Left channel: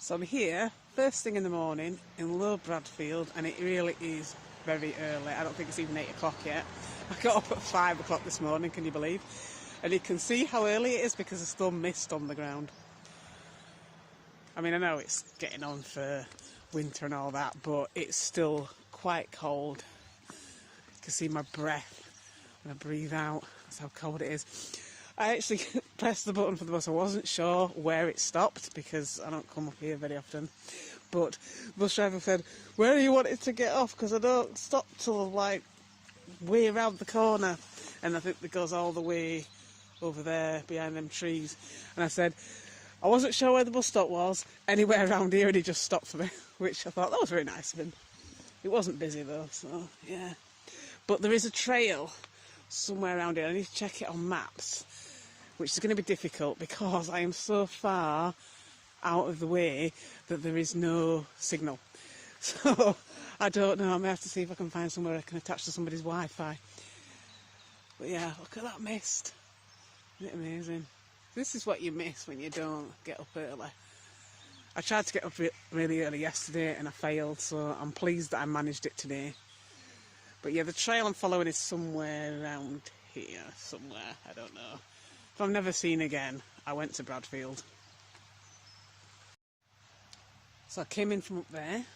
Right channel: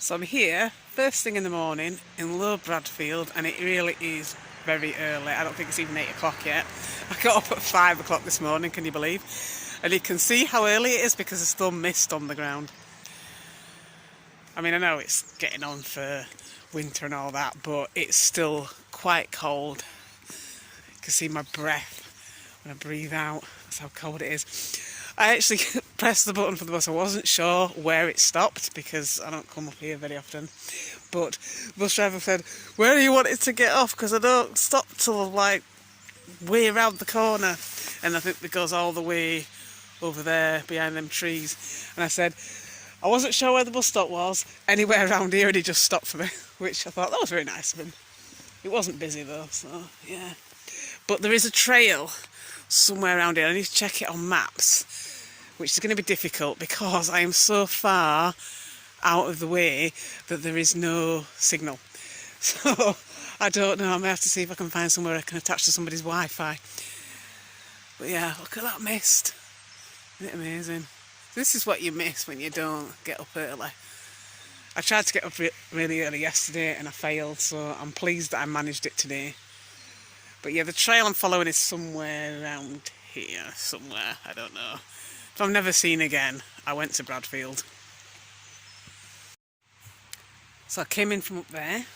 So I'm here first thing in the morning in Low Bradfield, and it really is very early. I don't think it's even 8 o'clock yet. I got up at 5 o'clock this morning, can you believe? And you can see how early it is because there's still mist on the ground. I mean, I know it's getting on for winter and all that, but it's still quite cold. You can see my breath when I breathe out. That's how cold it is. I actually pressed the button for the bus. I wasn't sure where it stopped because I don't come up here very often. But the bus driver said, "Where do you want it to get off? Because I don't stop till like way around the corner." And I think it goes all the way over there behind them trees. And I said, I wasn't sure where the bus stop was, anywhere around here, and he just stopped for me, which I thought that was very nice of him. It wasn't busy though, so yeah. But there is a trail somewhere around here. I need to check it on maps, which is going to be difficult because I am so far out of the way that there is no signal. So I don't know, I may have to see if I can find somewhere I can attach to somebody's Wi-Fi. But yeah, look at that mist. Isn't it amazing? This is what you miss when you don't get up early. I tried to get up really early yesterday and I failed, so I'm pleased that I managed it today. But yeah, the trail I'm following is somewhere around here, somewhere, I don't know. If I'm never seen again, I went to Bradfield. So I came in from up there,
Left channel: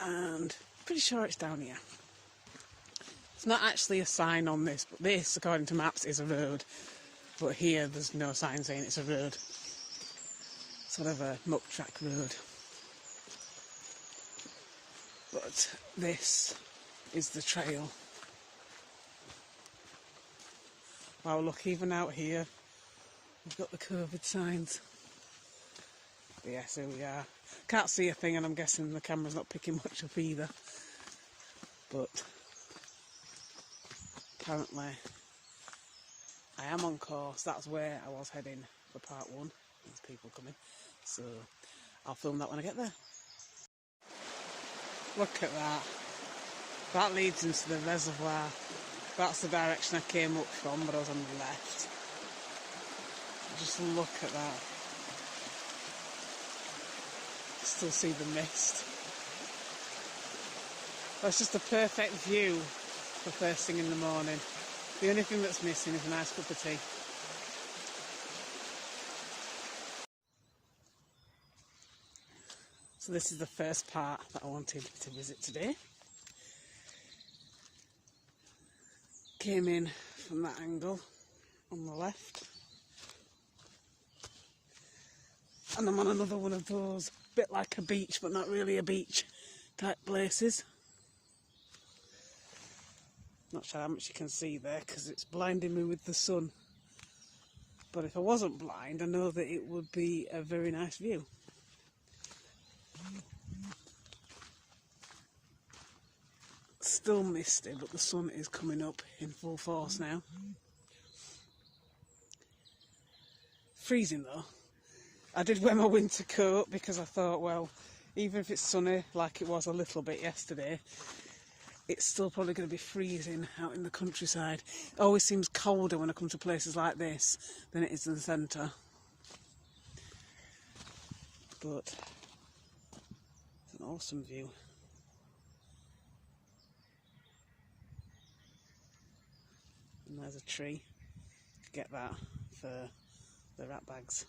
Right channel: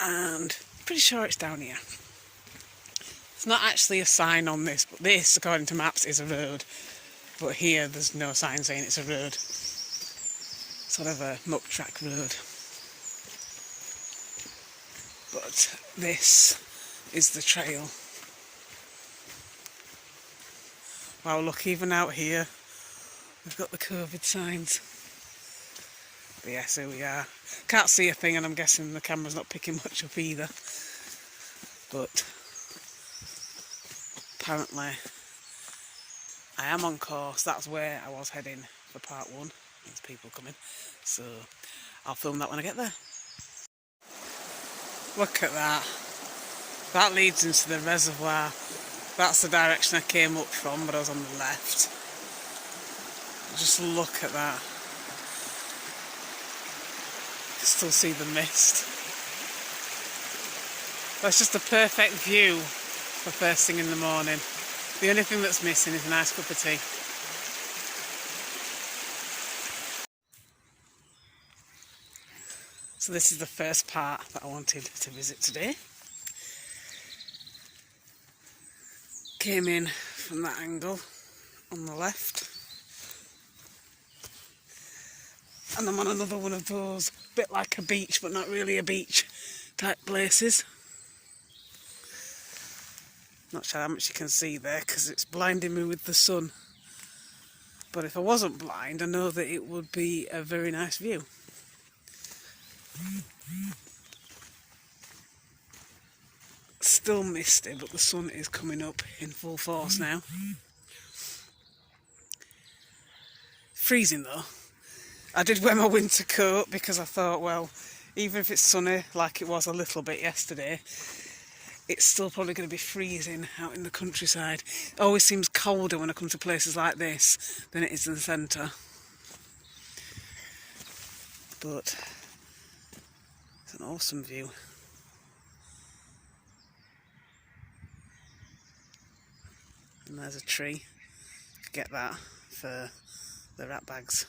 and I'm pretty sure it's down here. It's not actually a sign on this, but this, according to maps, is a road. But here there's no sign saying it's a road. Sort of a muck track road. But this is the trail. Wow, look, even out here we've got the COVID signs. But yes, here we are. Can't see a thing, and I'm guessing the camera's not picking much up either. But apparently I am on course. That's where I was heading for part 1. There's people coming, so I'll film that when I get there. Look at that. That leads into the reservoir. That's the direction I came up from, but I was on the left. Just look at that. You can still see the mist. That's just a perfect view for first thing in the morning. The only thing that's missing is a nice cup of tea. So this is the first part that I wanted to visit today. Came in from that angle on the left. And I'm on another one of those, bit like a beach but not really a beach type places. Not sure how much you can see there because it's blinding me with the sun. But if I wasn't blind, I know that it would be a very nice view. Still misty, but the sun is coming up in full force now. Freezing though. I did wear my winter coat because I thought, well, even if it's sunny like it was a little bit yesterday, it's still probably going to be freezing out in the countryside. It always seems colder when I come to places like this than it is in the centre. But it's an awesome view. And there's a tree. Could get that for the rat bags.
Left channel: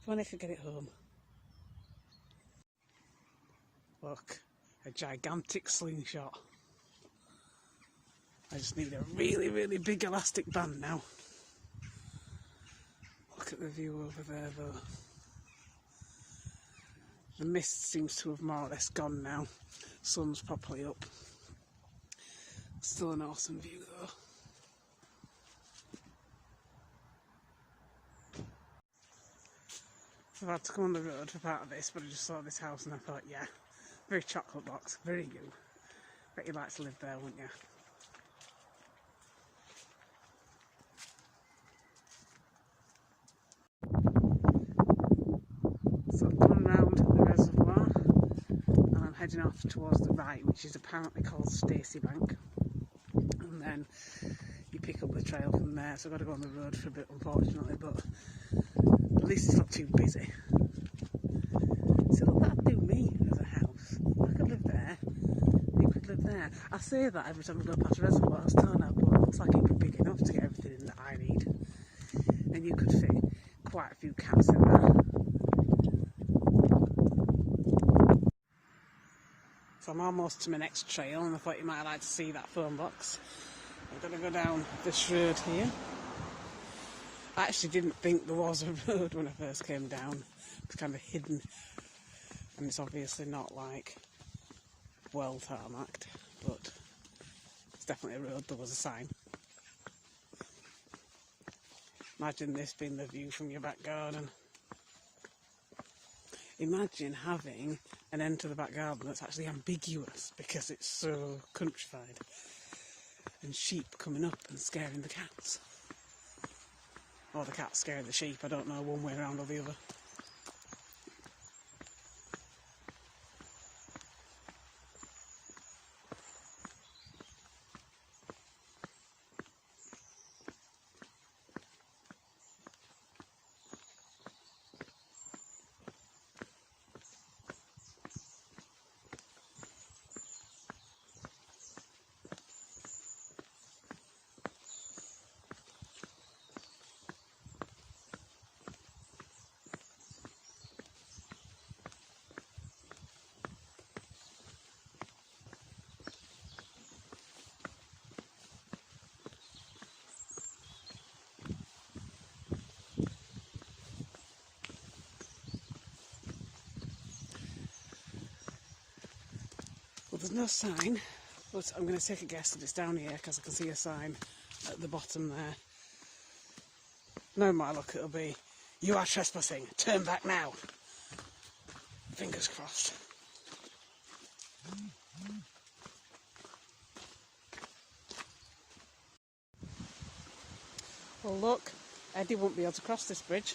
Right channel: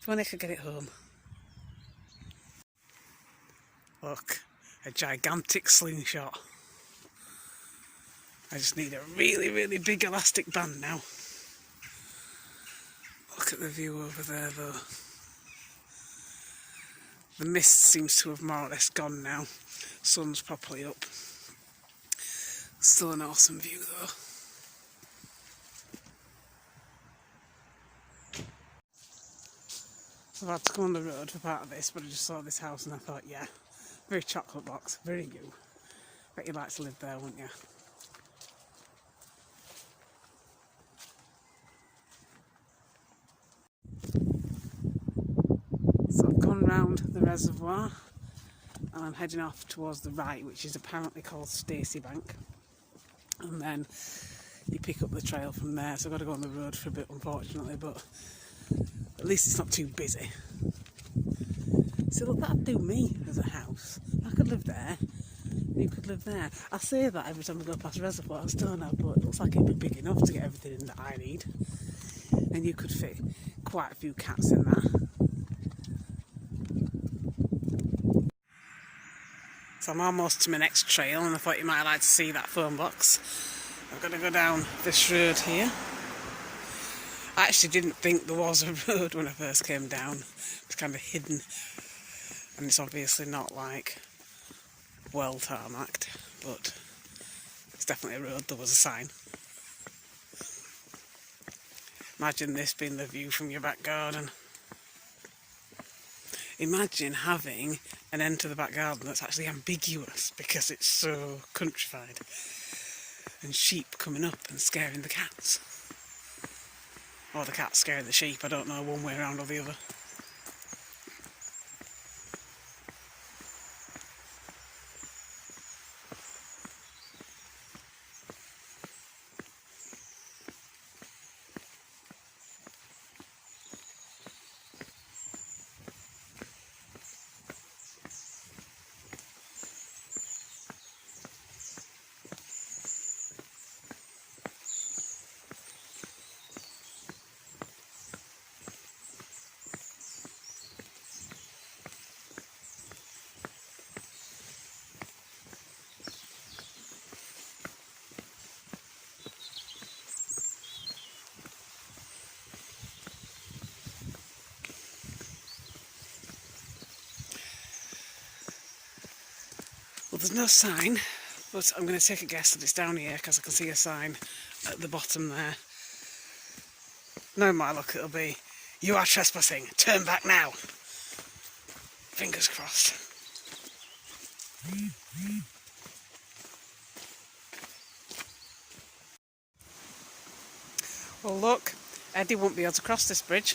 If only I could get it home. Look, a gigantic slingshot. I just need a really, really big elastic band now. Look at the view over there though. The mist seems to have more or less gone now. Sun's properly up. Still an awesome view though. So I've had to come on the road for part of this, but I just saw this house and I thought, yeah, very chocolate box, very you. Bet you'd like to live there, wouldn't you? So I've gone round the reservoir and I'm heading off towards the right, which is apparently called Stacey Bank. And then you pick up the trail from there, so I've got to go on the road for a bit unfortunately, but at least it's not too busy. So look, that'd do me as a house. I could live there. You could live there. I say that every time I go past reservoirs, don't I? But it looks like it'd be big enough to get everything that I need. And you could fit quite a few cats in there. So I'm almost to my next trail, and I thought you might like to see that phone box. I've got to go down this road here. I actually didn't think there was a road when I first came down. It's kind of hidden, and it's obviously not like well tarmacked, but it's definitely a road. There was a sign. Imagine this being the view from your back garden. Imagine having an end to the back garden that's actually ambiguous because it's so countrified. And sheep coming up and scaring the cats. Or the cats scaring the sheep, I don't know, one way around or the other. Well, there's no sign, but I'm going to take a guess that it's down here because I can see a sign at the bottom there. No, my luck, it'll be, "You are trespassing, turn back now." Fingers crossed. Well look, Eddie won't be able to cross this bridge.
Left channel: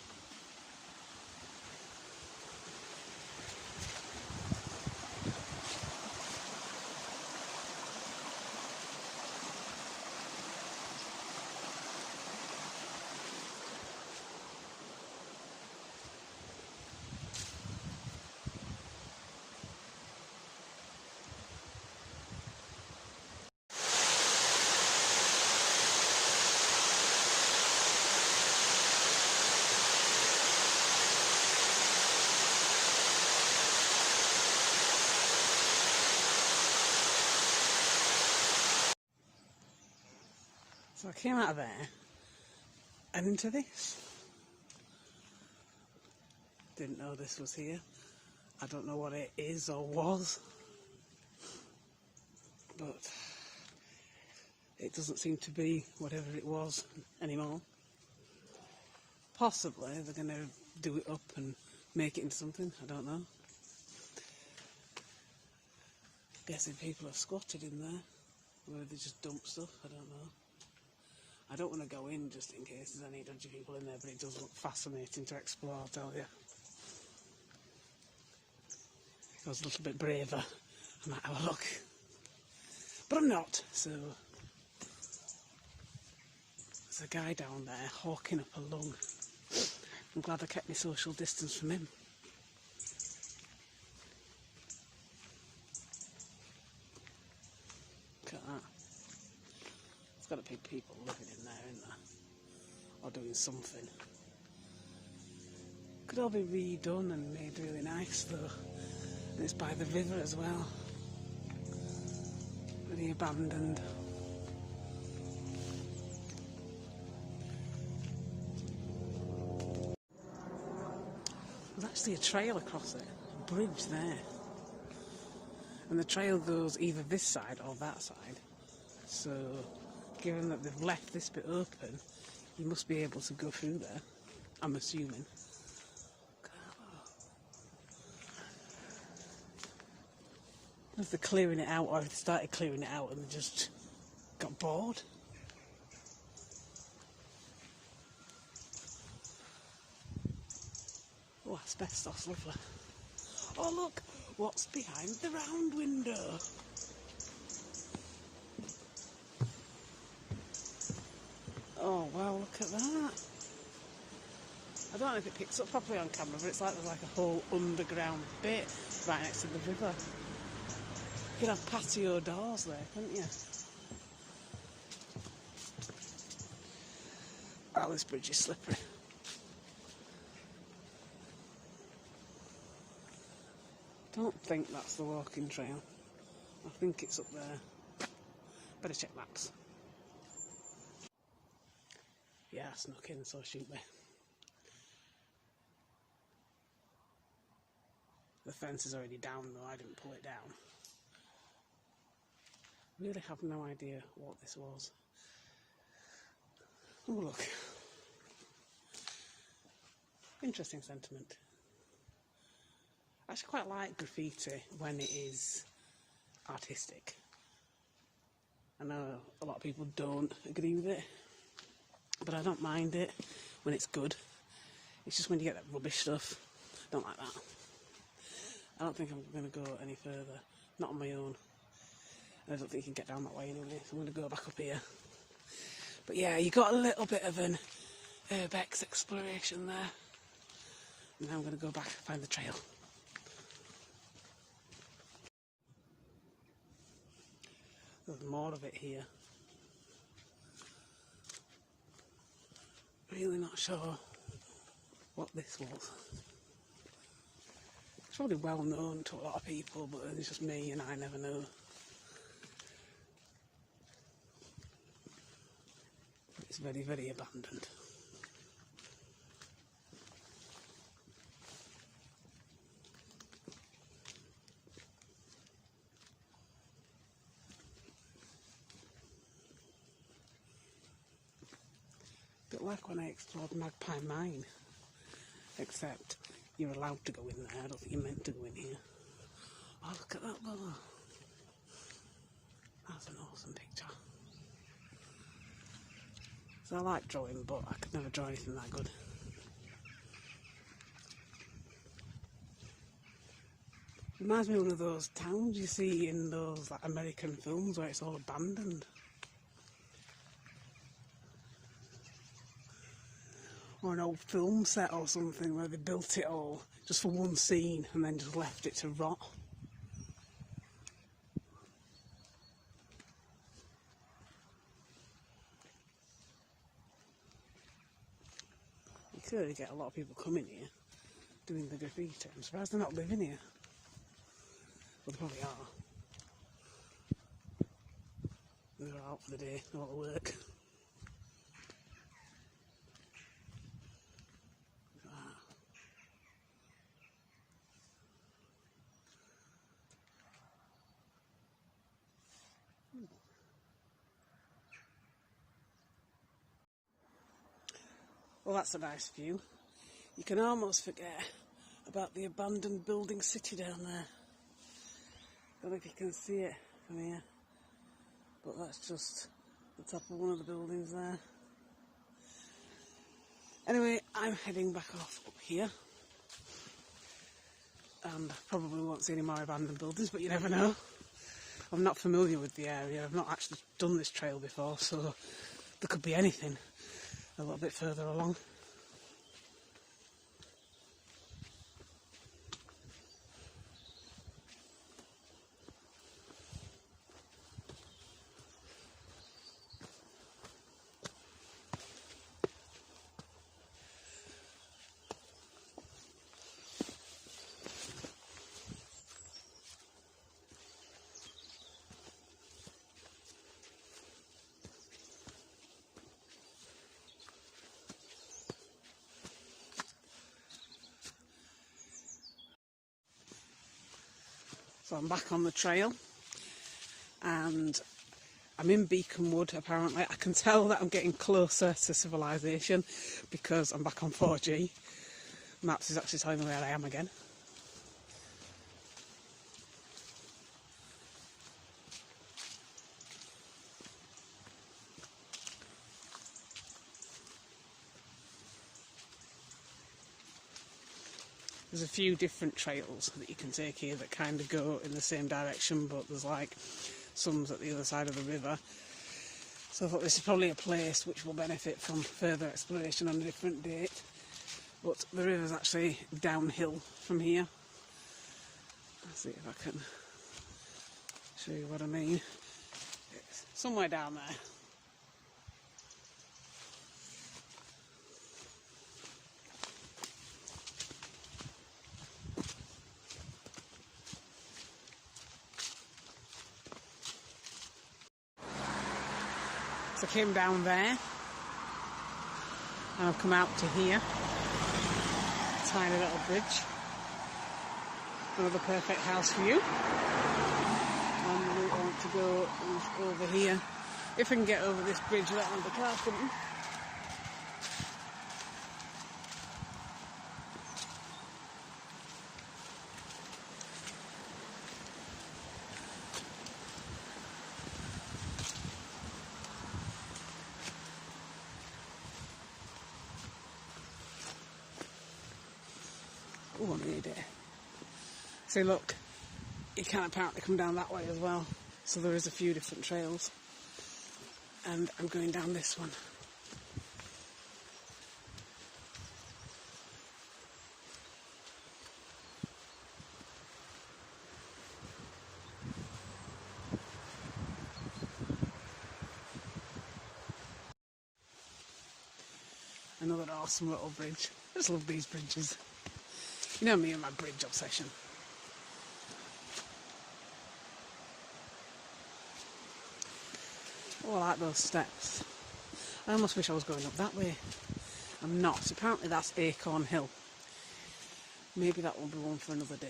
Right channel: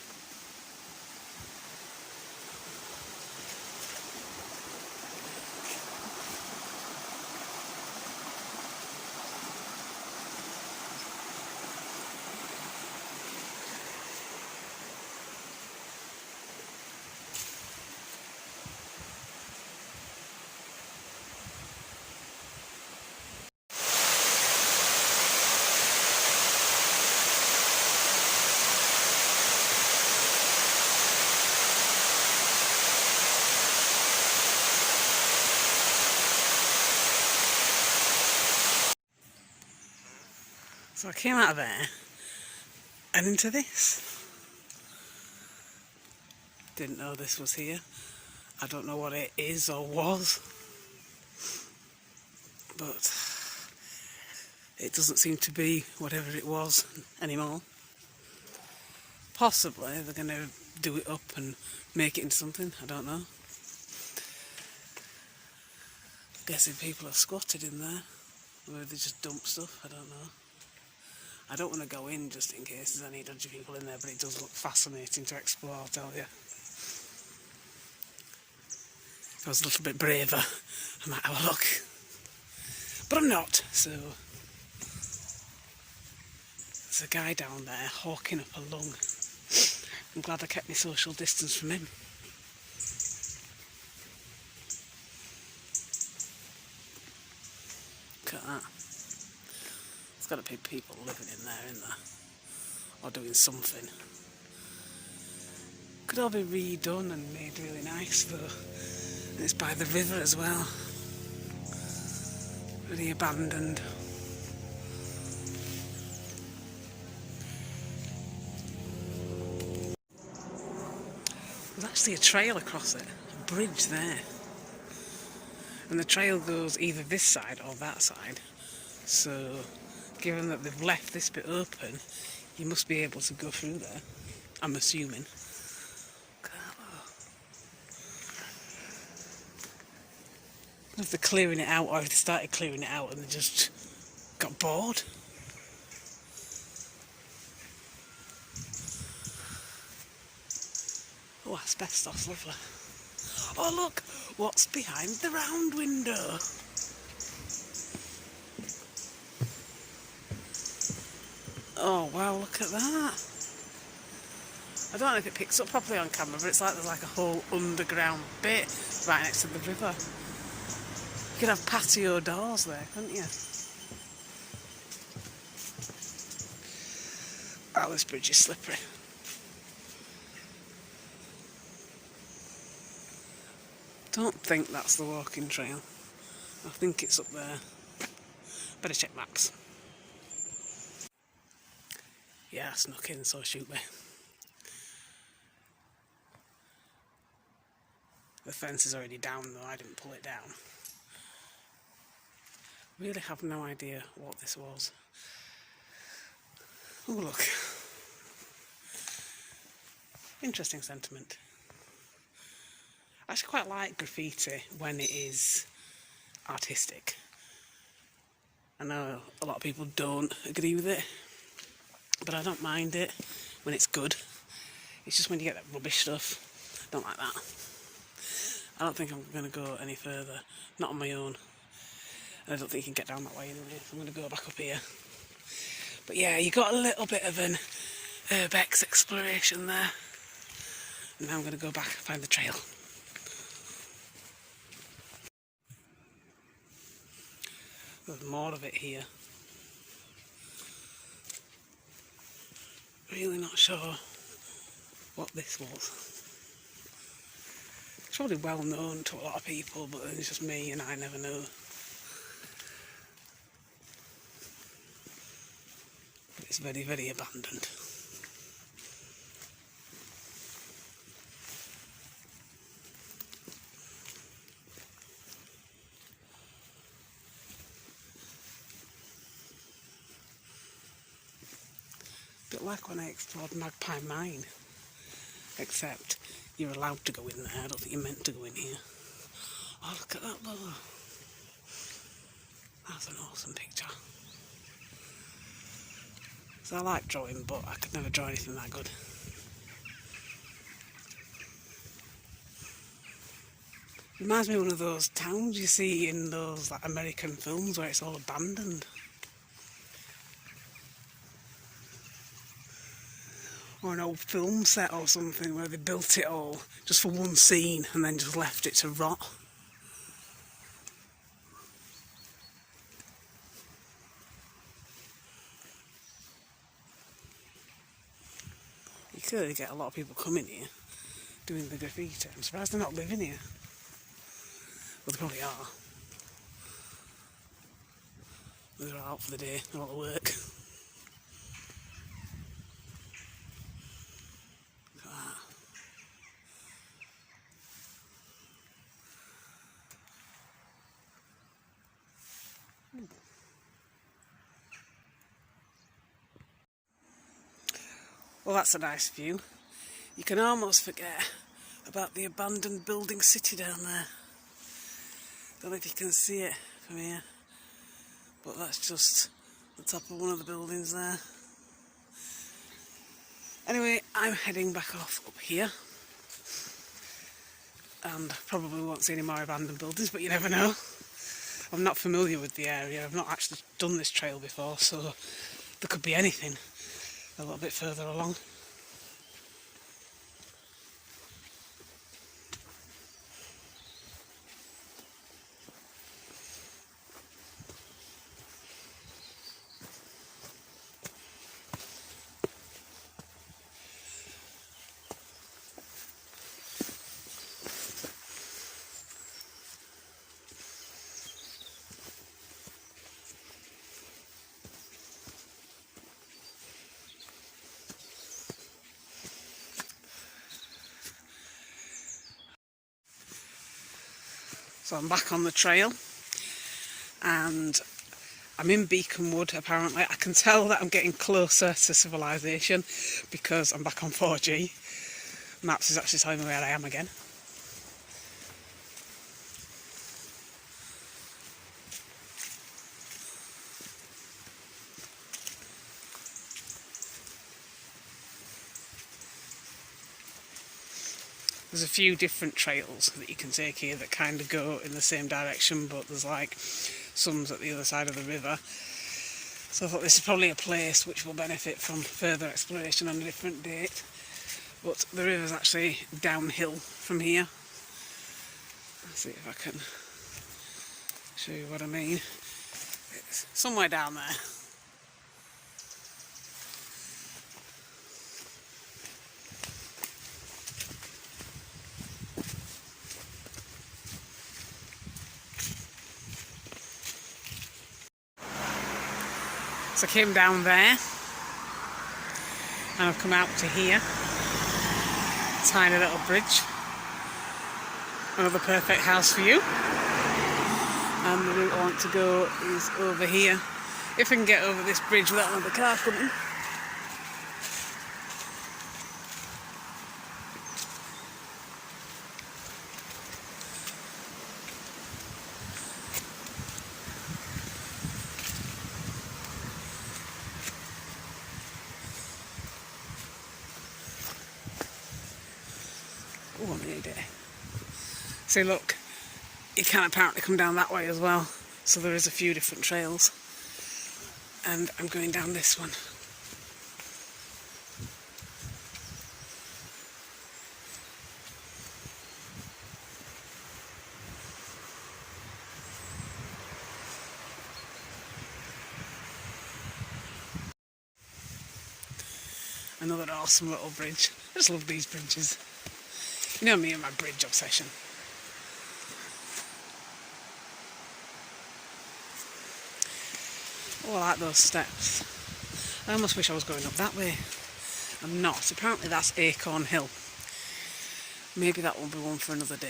So I came out of there and into this. Didn't know this was here. I don't know what it is or was, but it doesn't seem to be whatever it was anymore. Possibly they're going to do it up and make it into something, I don't know. I'm guessing people have squatted in there, or they just dump stuff, I don't know. I don't want to go in just in case there's any dodgy people in there, but it does look fascinating to explore, I'll tell you. If I was a little bit braver, I might have a look. But I'm not, so... There's a guy down there hawking up a lung. I'm glad I kept my social distance from him. Look at that. There's got to be people living in there, isn't there? Or doing something. Could all be redone and made really nice though. And it's by the river as well. Really abandoned. There's actually a trail across it, a bridge there. And the trail goes either this side or that side. So, given that they've left this bit open, you must be able to go through there, I'm assuming. If they're clearing it out, or if they started clearing it out and they just got bored. Oh, asbestos, lovely. Oh look, what's behind the round window? Oh wow, look at that. I don't know if it picks up properly on camera, but it's like there's like a whole underground bit right next to the river. You could have patio doors there, couldn't you? Oh, this bridge is slippery. Don't think that's the walking trail. I think it's up there. Better check maps. Yeah, I snuck in, so shoot me. The fence is already down though, I didn't pull it down. Really have no idea what this was. Oh look. Interesting sentiment. I actually quite like graffiti when it is artistic. I know a lot of people don't agree with it, but I don't mind it when it's good. It's just when you get that rubbish stuff, I don't like that. I don't think I'm going to go any further, not on my own. And I don't think you can get down that way anyway, so I'm going to go back up here. But yeah, you got a little bit of an urbex exploration there. And now I'm going to go back and find the trail. There's more of it here. Really not sure what this was. It's probably well known to a lot of people, but it's just me and I never know. It's very, very abandoned. A bit like when I explored Magpie Mine, except you're allowed to go in there. I don't think you're meant to go in here. Oh, look at that lower. That's an awesome picture. So I like drawing, but I could never draw anything that good. Reminds me of one of those towns you see in those like American films where it's all abandoned. Or an old film set or something where they built it all just for one scene and then just left it to rot. You could get a lot of people coming here doing the graffiti. I'm surprised they're not living here. Well, they probably are. They're out for the day, a lot of work. Well, that's a nice view. You can almost forget about the abandoned building city down there. Don't know if you can see it from here, but that's just the top of one of the buildings there. Anyway, I'm heading back off up here, and probably won't see any more abandoned buildings, but you never know. I'm not familiar with the area, I've not actually done this trail before, so there could be anything a little bit further along. So I'm back on the trail and I'm in Beacon Wood apparently. I can tell that I'm getting closer to civilization because I'm back on 4G. Maps is actually telling me where I am again. There's a few different trails that you can take here that kind of go in the same direction, but there's like some at the other side of the river. So I thought this is probably a place which will benefit from further exploration on a different date. but the river's actually downhill from here. Let's see if I can show you what I mean. It's somewhere down there. So I came down there and I've come out to here. Tiny little bridge. Another perfect house view. And the route I want to go is over here. If I can get over this bridge without another car coming. Oh, I need it. See, look, you can apparently come down that way as well. So there is a few different trails. And I'm going down this one. Another awesome little bridge. I just love these bridges. You know me and my bridge obsession. Oh, I like those steps. I almost wish I was going up that way. I'm not. Apparently that's Acorn Hill. Maybe that will be one for another day.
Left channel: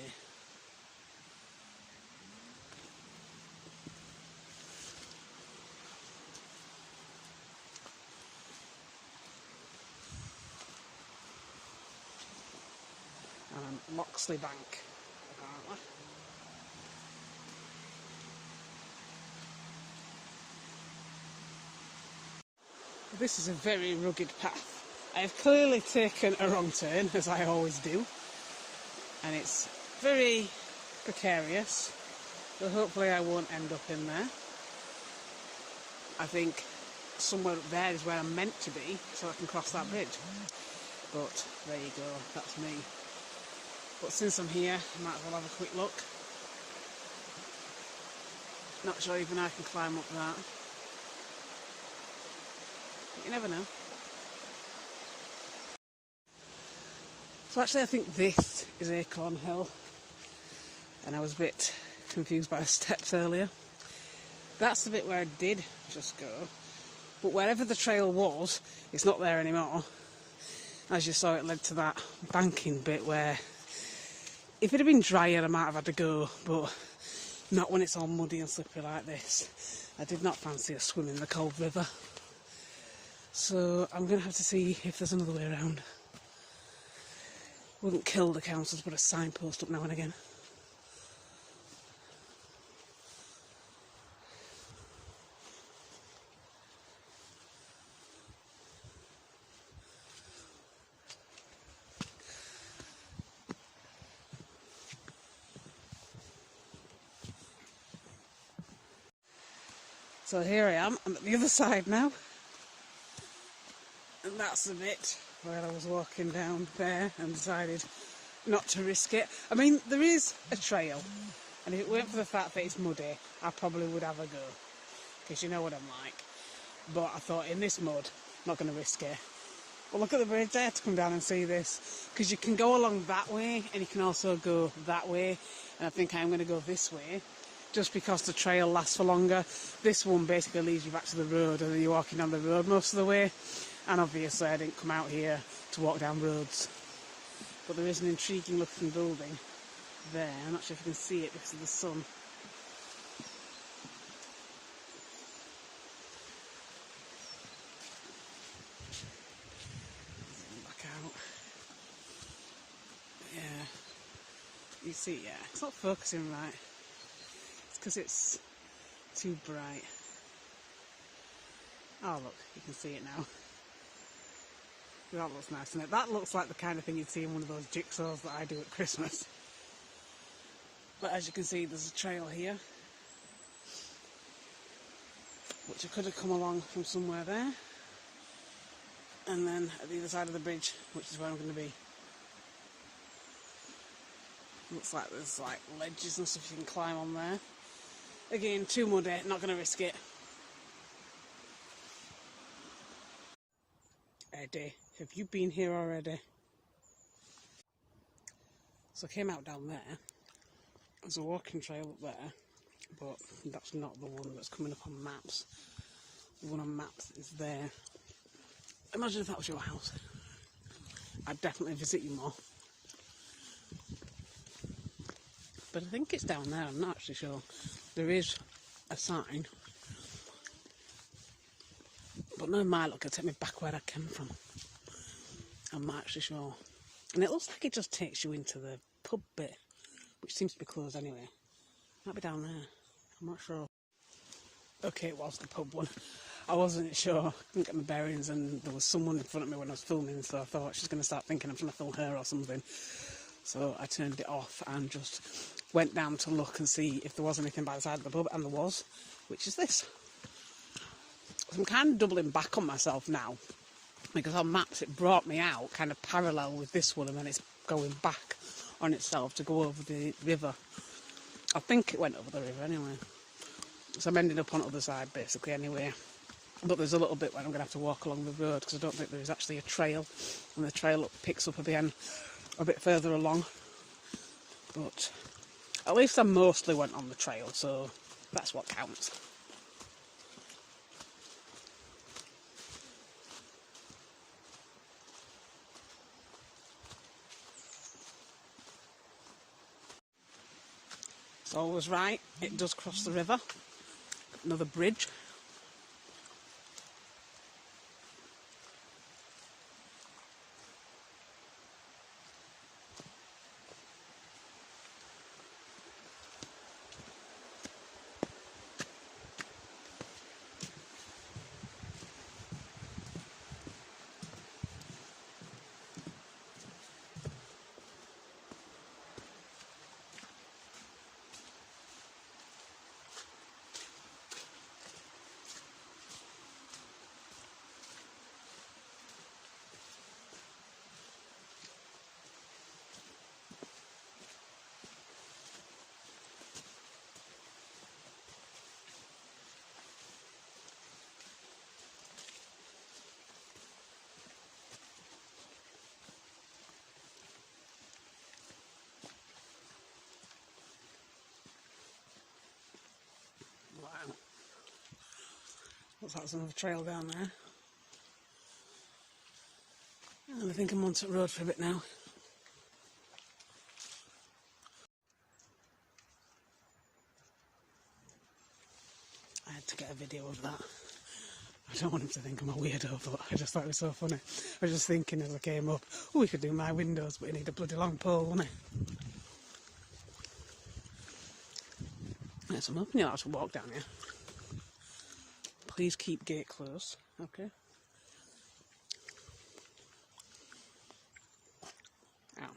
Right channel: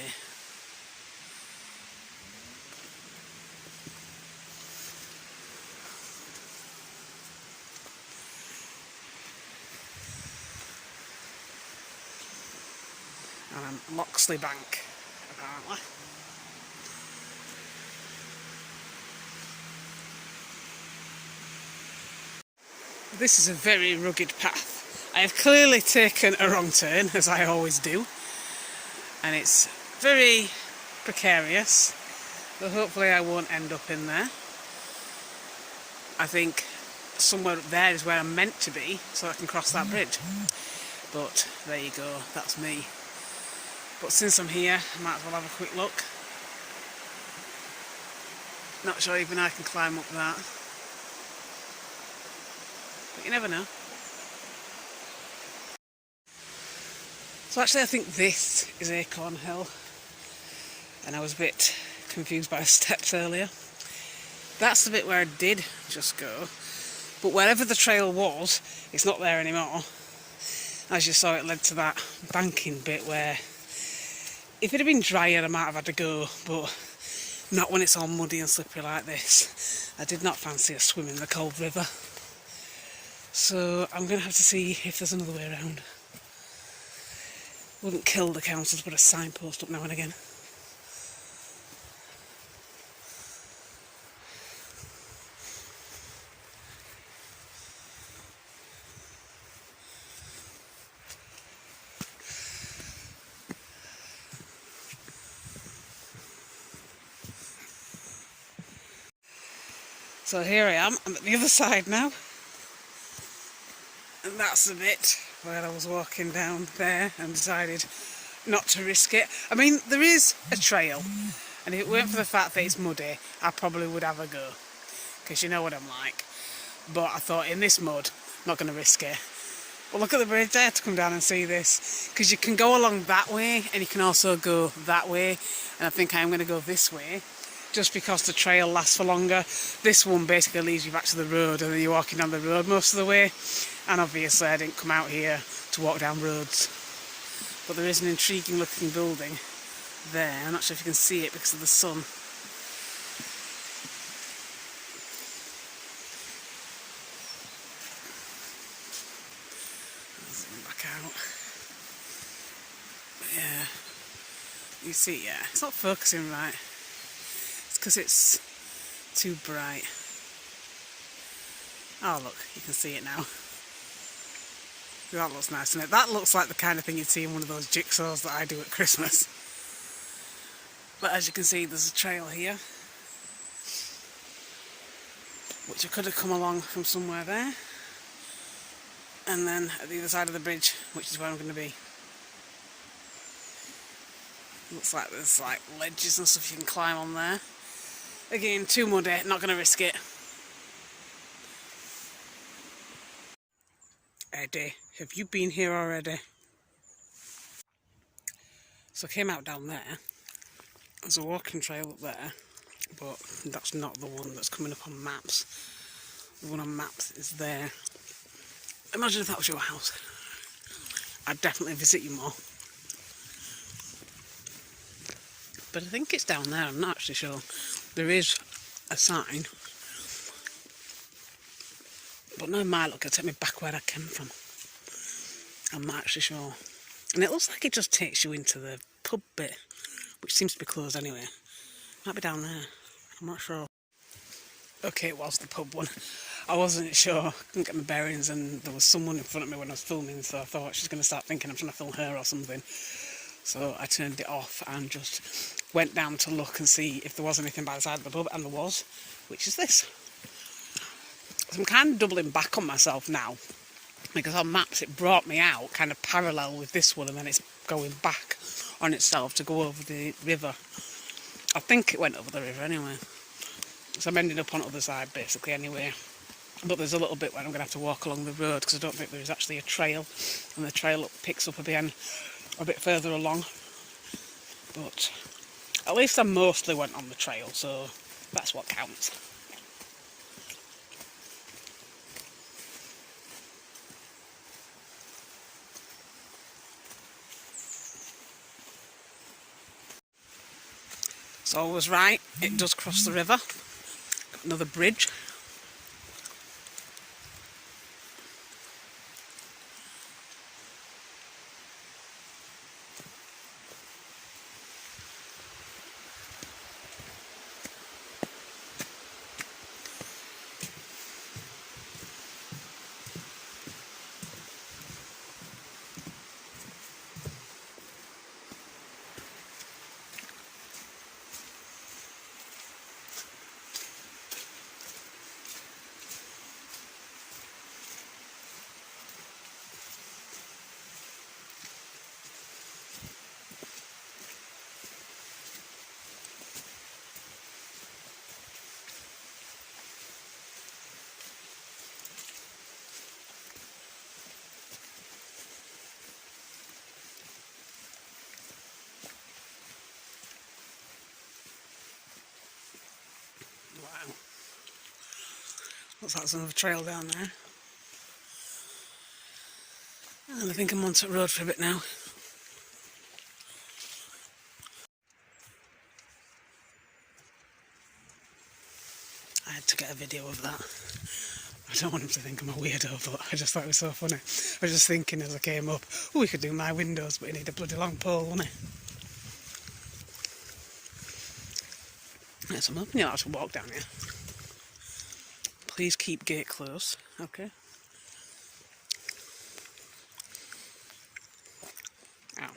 And Loxley Bank, apparently. This is a very rugged path. I have clearly taken a wrong turn, as I always do, and it's very precarious, but hopefully I won't end up in there. I think somewhere up there is where I'm meant to be, so I can cross that bridge. But there you go, that's me. But since I'm here, I might as well have a quick look. Not sure even I can climb up that. But you never know. So actually I think this is Acorn Hill. And I was a bit confused by the steps earlier. That's the bit where I did just go. But wherever the trail was, it's not there anymore. As you saw, it led to that banking bit where if it had been drier I might have had to go, but not when it's all muddy and slippery like this. I did not fancy a swim in the cold river. So I'm going to have to see if there's another way around. Wouldn't kill the council to put a signpost up now and again. So here I am, I'm at the other side now. And that's the bit where I was walking down there and decided not to risk it. I mean, there is a trail, and if it weren't for the fact that it's muddy, I probably would have a go, because you know what I'm like. But I thought, in this mud, I'm not going to risk it. Well, look at the bridge. I had to come down and see this, because you can go along that way, and you can also go that way, and I think I'm going to go this way, just because the trail lasts for longer. This one basically leads you back to the road, and then you're walking down the road most of the way. And obviously I didn't come out here to walk down roads. But there is an intriguing looking building there. I'm not sure if you can see it because of the sun. Zoom back out. But yeah, you see, yeah, it's not focusing right. It's because it's too bright. Oh look, you can see it now. That looks nice, doesn't it? That looks like the kind of thing you'd see in one of those jigsaws that I do at Christmas. But as you can see, there's a trail here, which I could have come along from somewhere there. and then at the other side of the bridge, which is where I'm going to be. Looks like there's like ledges and stuff you can climb on there. Again, too muddy, not going to risk it. Eddie, have you been here already? So I came out down there. There's a walking trail up there, but that's not the one that's coming up on maps. The one on maps is there. Imagine if that was your house. I'd definitely visit you more. But I think it's down there, I'm not actually sure. There is a sign. But no, my luck, it'll take me back where I came from. I'm not actually sure. And it looks like it just takes you into the pub bit, which seems to be closed anyway. Might be down there, I'm not sure. Okay, it was the pub one. I wasn't sure, couldn't get my bearings, and there was someone in front of me when I was filming, so I thought she's going to start thinking I'm trying to film her or something. So I turned it off and just went down to look and see if there was anything by the side of the pub, and there was, which is this. So I'm kind of doubling back on myself now, because on maps it brought me out kind of parallel with this one, and then it's going back on itself to go over the river. I think it went over the river anyway. So I'm ending up on the other side basically anyway. But there's a little bit where I'm going to have to walk along the road, because I don't think there is actually a trail, and the trail picks up again a bit further along. But at least I mostly went on the trail, so that's what counts. So I was right, it does cross the river. Another bridge. Looks like there's another trail down there. And I think I'm on the road for a bit now. I had to get a video of that. I don't want him to think I'm a weirdo, but I just thought it was so funny. I was just thinking as I came up, oh, we could do my windows, but you need a bloody long pole, wouldn't it? Yeah, so I'm hoping you'll actually walk down here. Please keep gate closed, okay? Ow.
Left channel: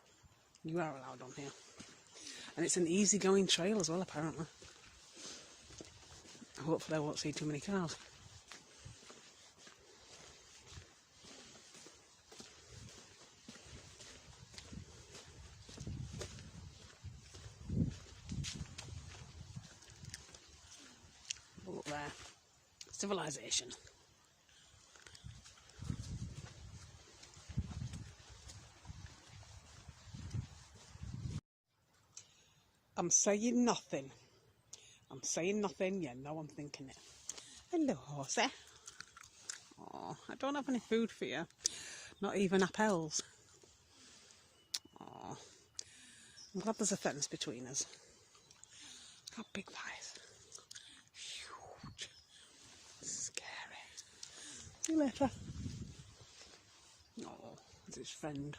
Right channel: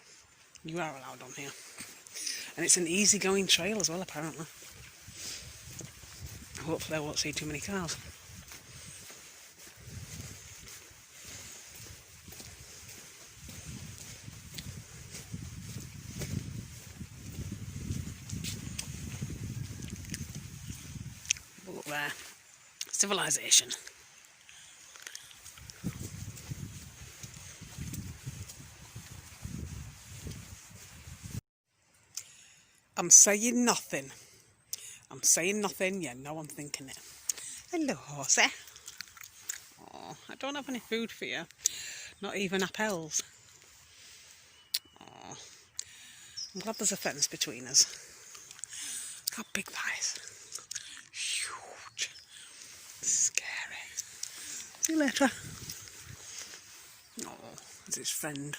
You are allowed on here. And it's an easy-going trail as well, apparently. Hopefully I won't see too many cars. Look there. Civilization. I'm saying nothing. I'm saying nothing, yeah, no I'm thinking it. Hello, horsey. Oh, I don't have any food for you. Not even apples. Oh, I'm glad there's a fence between us. Look how big that is. Huge. Scary. See you later. Oh, it's his friend.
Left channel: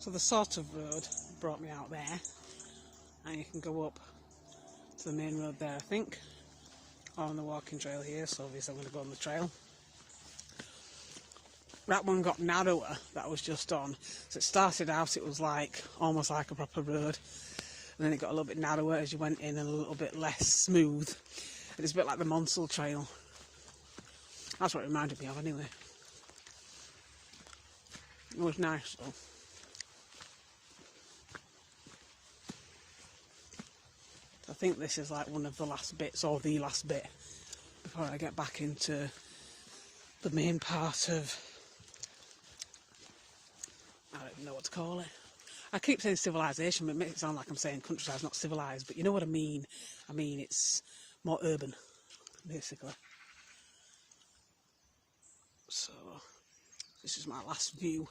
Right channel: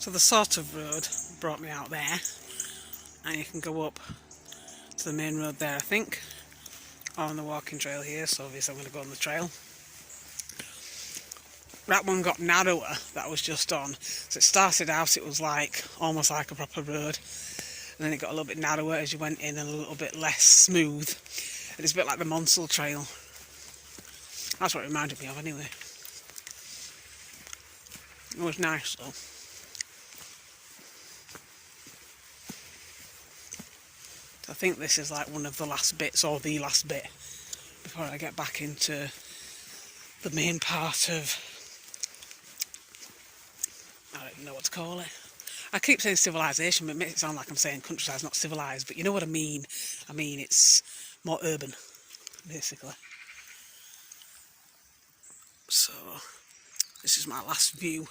So the sort of road brought me out there, and you can go up to the main road there, I think, or on the walking trail here, so obviously I'm going to go on the trail. That one got narrower that I was just on, so it started out, it was like almost like a proper road, and then it got a little bit narrower as you went in and a little bit less smooth. It's a bit like the Monsell Trail. That's what it reminded me of anyway. It was nice though. I think this is like one of the last bits, or the last bit, before I get back into the main part of, I don't even know what to call it. I keep saying civilization, but it makes it sound like I'm saying countryside's not civilised, but you know what I mean. I mean, it's more urban, basically. So, this is my last view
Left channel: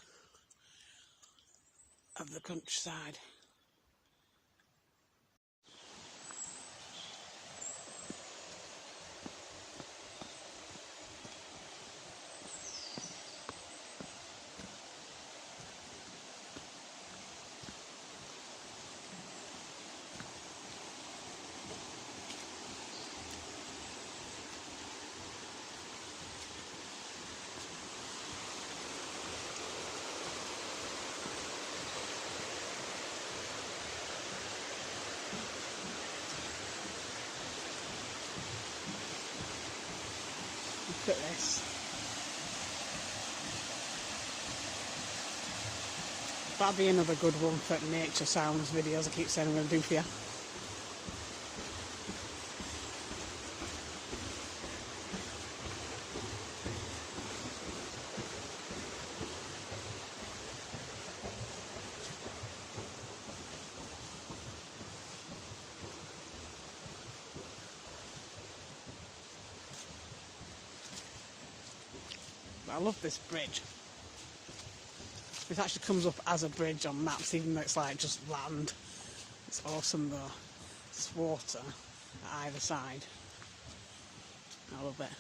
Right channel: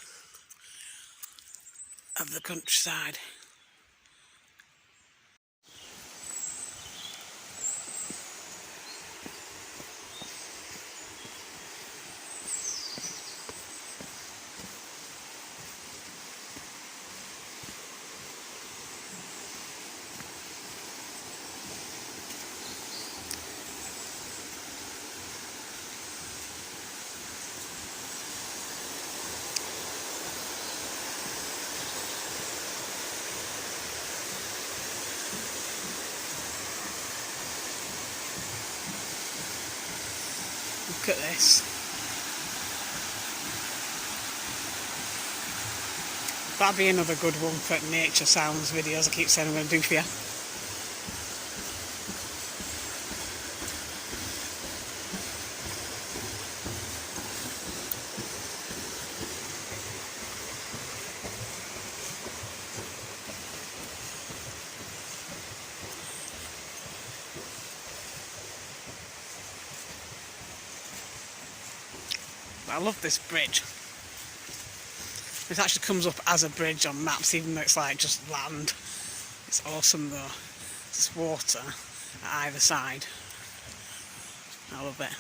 of the countryside. Look at this. That'd be another good one for nature sounds videos I keep saying I'm going to do for you. I love this bridge. It actually comes up as a bridge on maps, even though it's like just land. It's awesome though. It's water at either side. I love it.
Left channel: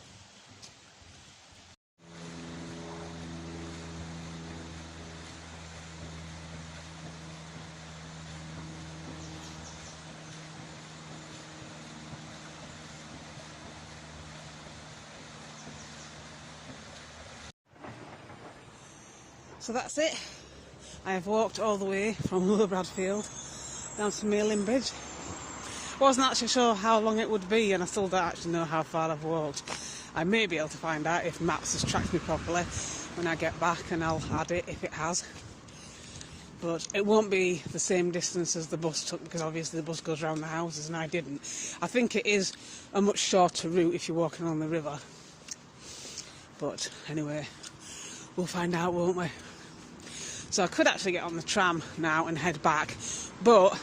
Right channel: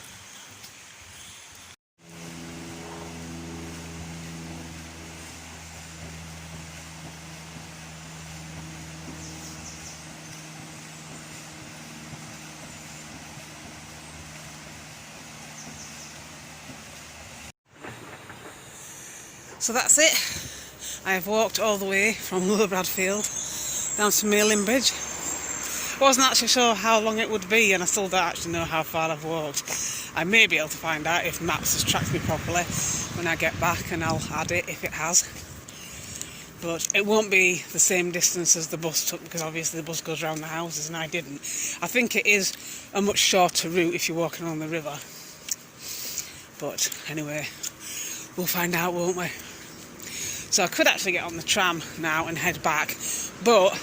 So that's it. I have walked all the way from Low Bradfield down to Malin Bridge. I wasn't actually sure how long it would be, and I still don't actually know how far I've walked. I may be able to find out if Maps has tracked me properly when I get back, and I'll add it if it has. But it won't be the same distance as the bus took, because obviously the bus goes around the houses and I didn't. I think it is a much shorter route if you're walking along the river. But anyway, we'll find out, won't we? So I could actually get on the tram now and head back, but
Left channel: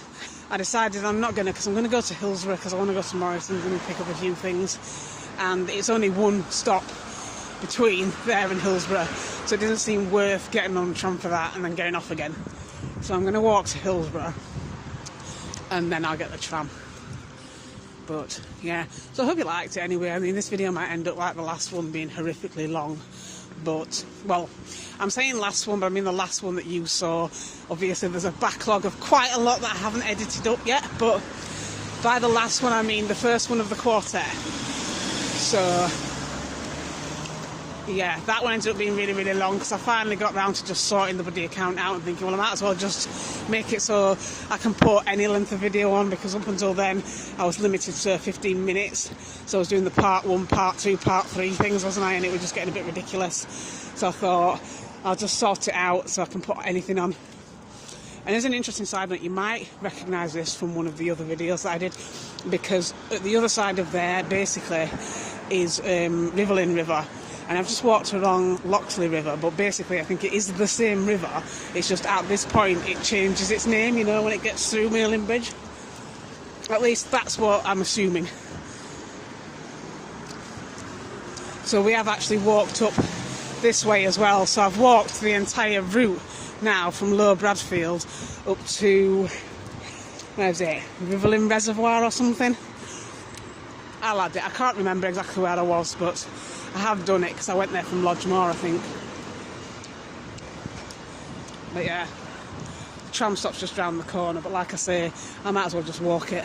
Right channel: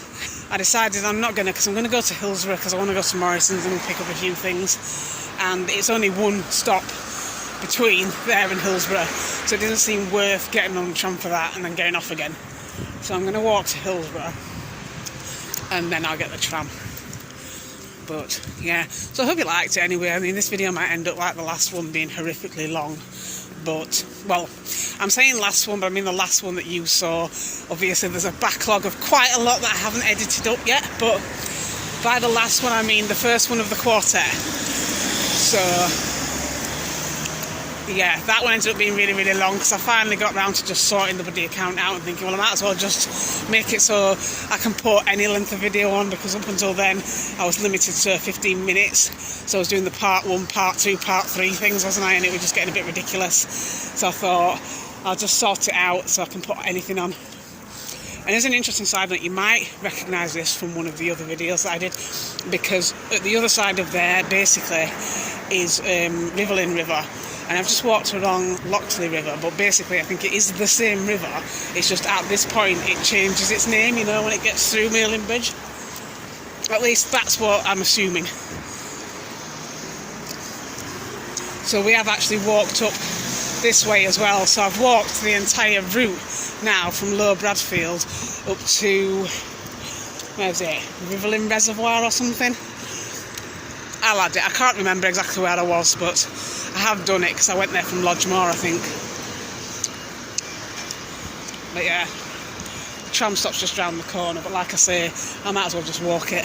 I decided I'm not going to, because I'm going to go to Hillsborough, because I want to go to Morrison's and pick up a few things, and it's only one stop between there and Hillsborough, so it doesn't seem worth getting on the tram for that and then getting off again. So I'm going to walk to Hillsborough and then I'll get the tram. But yeah, so I hope you liked it anyway. I mean, this video might end up like the last one, being horrifically long. But, well, I'm saying last one, but I mean the last one that you saw. Obviously there's a backlog of quite a lot that I haven't edited up yet, but by the last one I mean the first one of the quartet. So yeah, that one ended up being really, really long, because I finally got round to just sorting the bloody account out and thinking, well, I might as well just make it so I can put any length of video on, because up until then I was limited to 15 minutes. So I was doing the part 1, part 2, part 3 things, wasn't I? And it was just getting a bit ridiculous. So I thought I'll just sort it out so I can put anything on. And there's an interesting side note, you might recognise this from one of the other videos that I did, because at the other side of there basically is Riverlin River. And I've just walked along Loxley River, but basically I think it is the same river. It's just at this point it changes its name, you know, when it gets through Malin Bridge. At least that's what I'm assuming. So we have actually walked up this way as well. So I've walked the entire route now from Low Bradfield up to, where is it, Riverlin Reservoir or something? I'll add it. I can't remember exactly where I was, but I have done it because I went there from Lodgemore, I think. But yeah, the tram stop's just round the corner, but like I say, I might as well just walk it.